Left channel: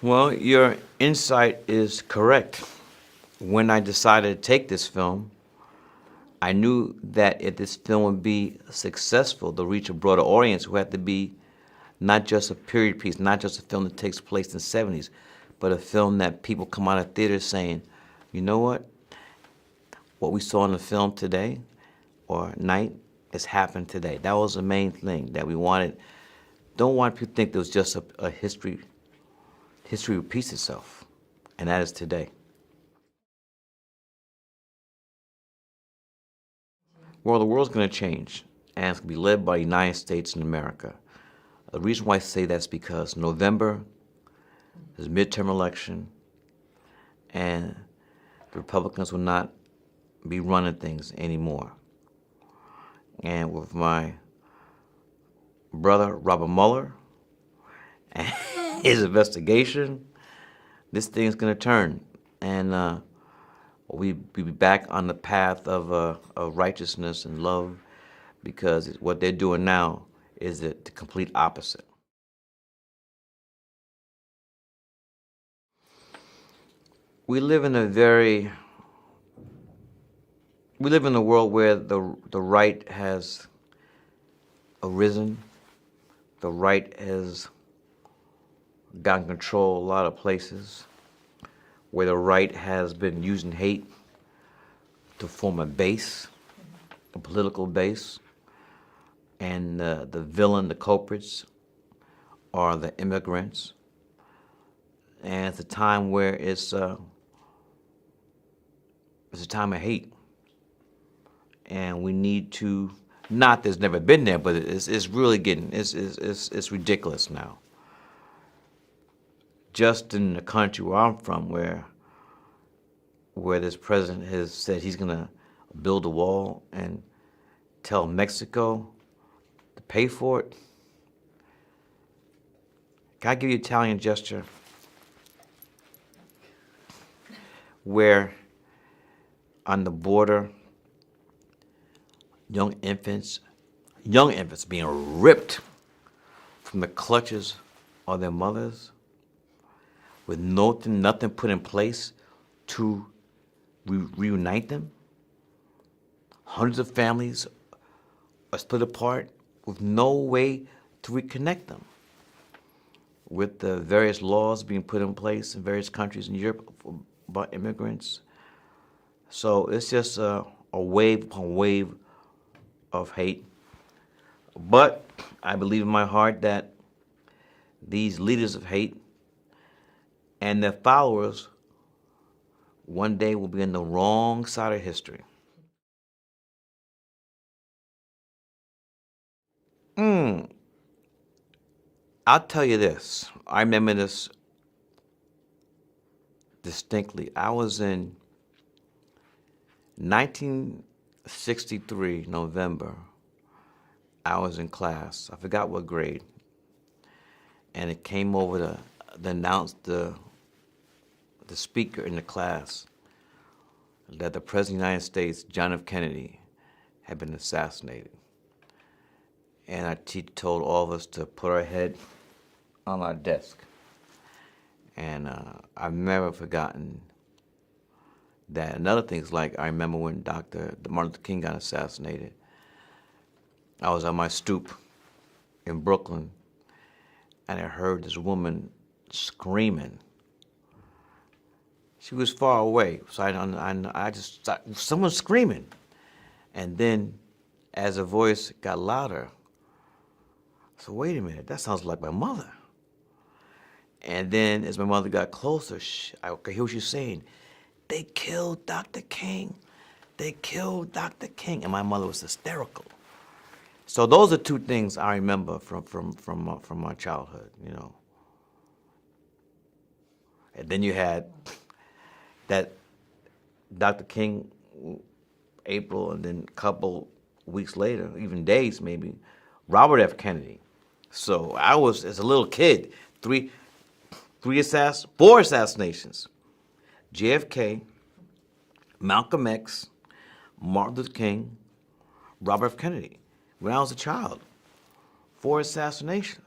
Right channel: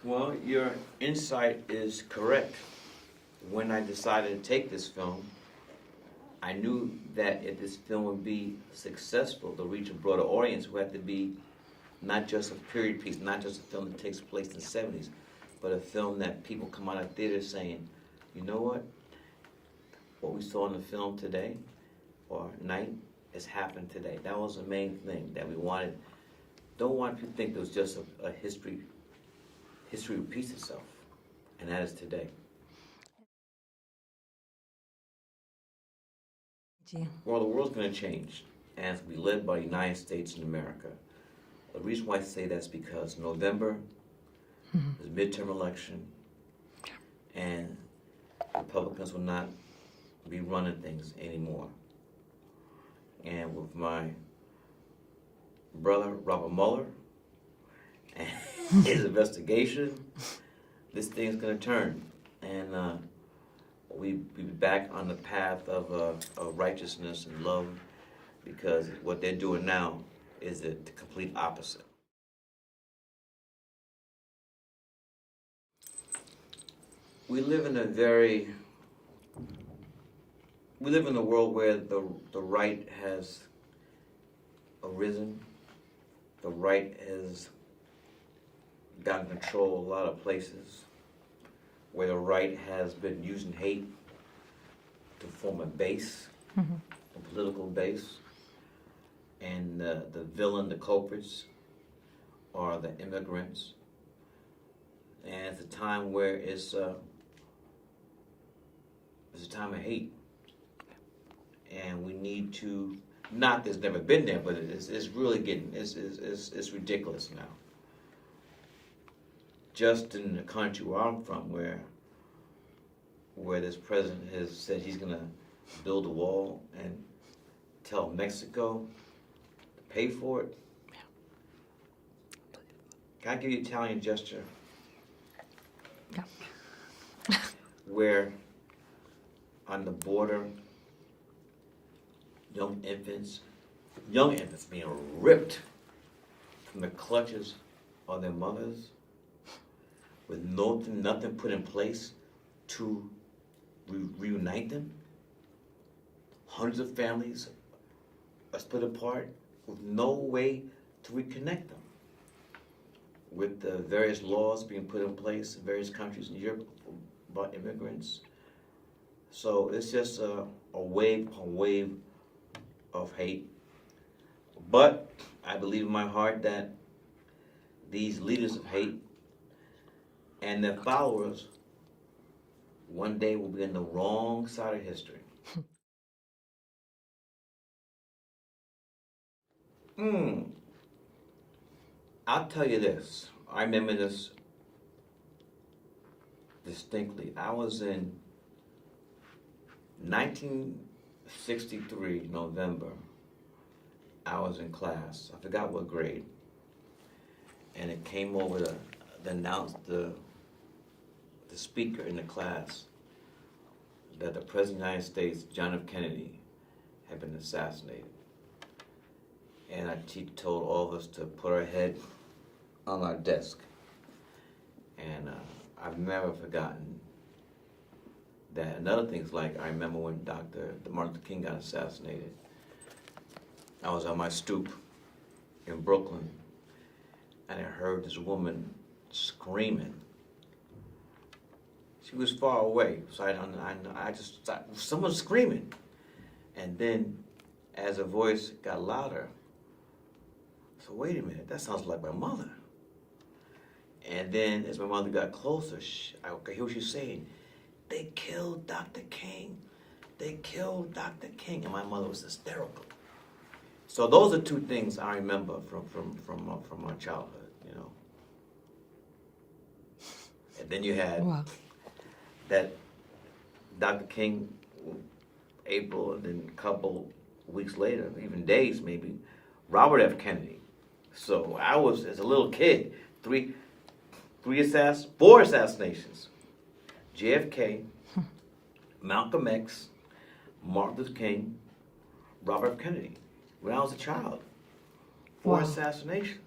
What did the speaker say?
Well, your insight is correct. When I decided to take this film, I knew that if this film would be successful, to reach a broader audience, it would have to be not just a period piece, not just a film that takes place in the 70s, but a film that people come out of theaters saying, you know what we saw in the film today or night has happened today. That was the main thing that we wanted. Don't want people to think there was just a history repeats itself, and that is today. Well, the world's going to change, and it's going to be led by the United States and America. The reason why I say that's because November is midterm election, and Republicans will not be running things anymore. And with my brother, Robert Mueller, and his investigation, this thing's going to turn. And we'll be back on the path of righteousness and love, because what they're doing now is the complete opposite. We live in a world where the right has arisen. The right has gotten control of a lot of places, where the right has been using hate to form a base, a political base, and the villain, the culprits, are the immigrants. And it's a time where it's a time of hate, and we need to. Not that it's never been there, but it's really getting it's ridiculous now. Just in the country where I'm from, where this president has said he's going to build a wall and tell Mexico to pay for it. Can I give you an Italian gesture? Yeah. Where on the border, young infants being ripped from the clutches of their mothers, with nothing put in place to reunite them. Hundreds of families are split apart with no way to reconnect them, with the various laws being put in place in various countries in Europe about immigrants. So it's just a wave upon wave of hate. But I believe in my heart that these leaders of hate and their followers one day will be on the wrong side of history. I'll tell you this. I remember this distinctly. I was in 1963, November. I was in class. I forgot what grade. And it came over to announce the speaker in the class that the President of the United States, John F. Kennedy, had been assassinated. And our teacher told all of us to put our head on our desk. And I've never forgotten that. Another thing is, like, I remember when Martin Luther King got assassinated. I was on my stoop in Brooklyn, and I heard this woman screaming. She was far away, so I just thought, someone's screaming. And then, as her voice got louder, I said, wait a minute, that sounds like my mother. And then, as my mother got closer, I could hear what she was saying. They killed Dr. King. They killed Dr. King. And my mother was hysterical. So those are two things I remember from my childhood, you know. And then you had that Dr. King, April, and then a couple weeks later, even days maybe, Robert F. Kennedy. So I was, as a little kid, four assassinations. JFK, Malcolm X, Martin Luther King, Robert F. Kennedy. When I was a child, four assassinations.